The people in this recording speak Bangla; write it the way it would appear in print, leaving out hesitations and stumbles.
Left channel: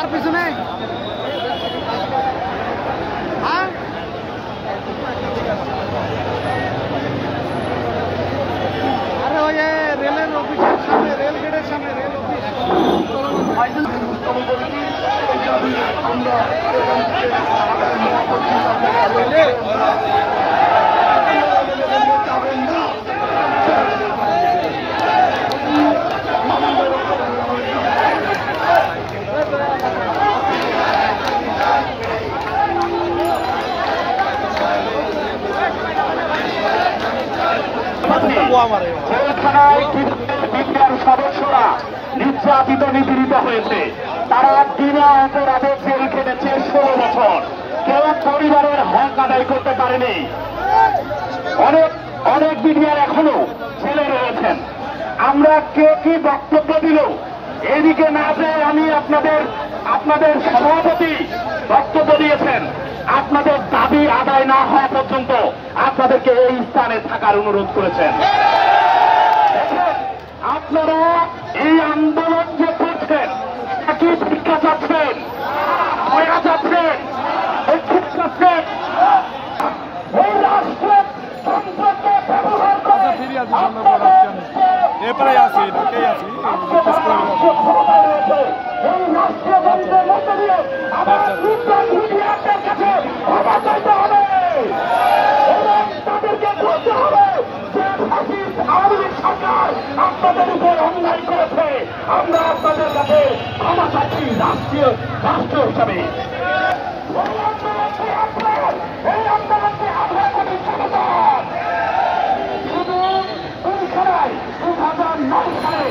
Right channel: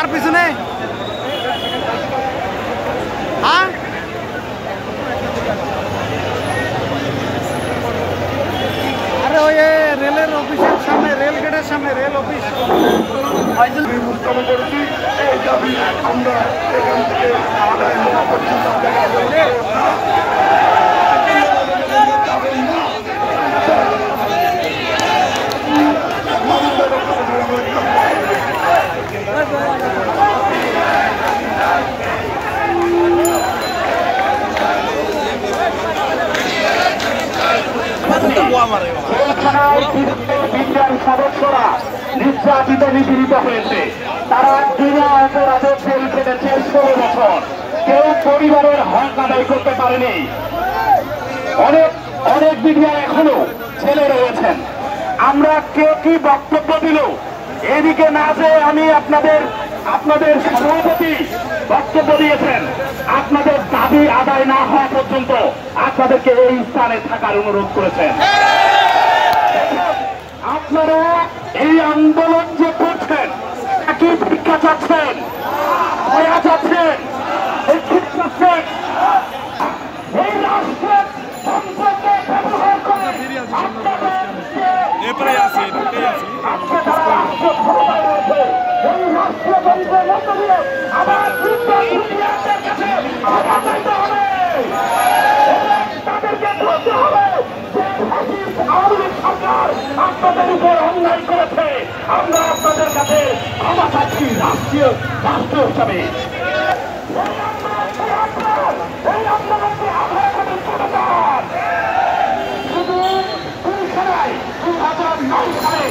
কার পিছনে? হ্যাঁ আরে ওই রেলের অফিসের সামনে, রেল গেটের সামনে, রেল অফিস। সদস্যরা নির্যাতিত নিপীড়িত হয়েছে, তারা বিনা অপরাধে জেল খেটেছে 16 বছর, কেউ পরিবারের হক আদায় করতে পারেনি। অনেক মিডিয়া এখনো ছেলে রয়েছেন। আমরা কে কি বক্তব্য দিল এদিকে না যে আমি আপনাদের সভাপতি বক্তব্য দিয়েছেন, আপনাদের দাবি আদায় না হওয়া পর্যন্ত আপনাদেরকে এই স্থানে থাকার অনুরোধ করেছেন। আপনারা এই আন্দোলন যে করছেন, কি ভিক্ষা চাচ্ছেন, দয়া চাচ্ছেন, ঔষধ চাচ্ছেন, এই রাষ্ট্রের সম্পদকে ব্যবহার করে সরকার আপনাদের উপর অন্যায় করেছে। আমরা আপনাদের কাছে ক্ষমা চাচ্ছি রাষ্ট্র হিসাবে। শুধু 2009 সালে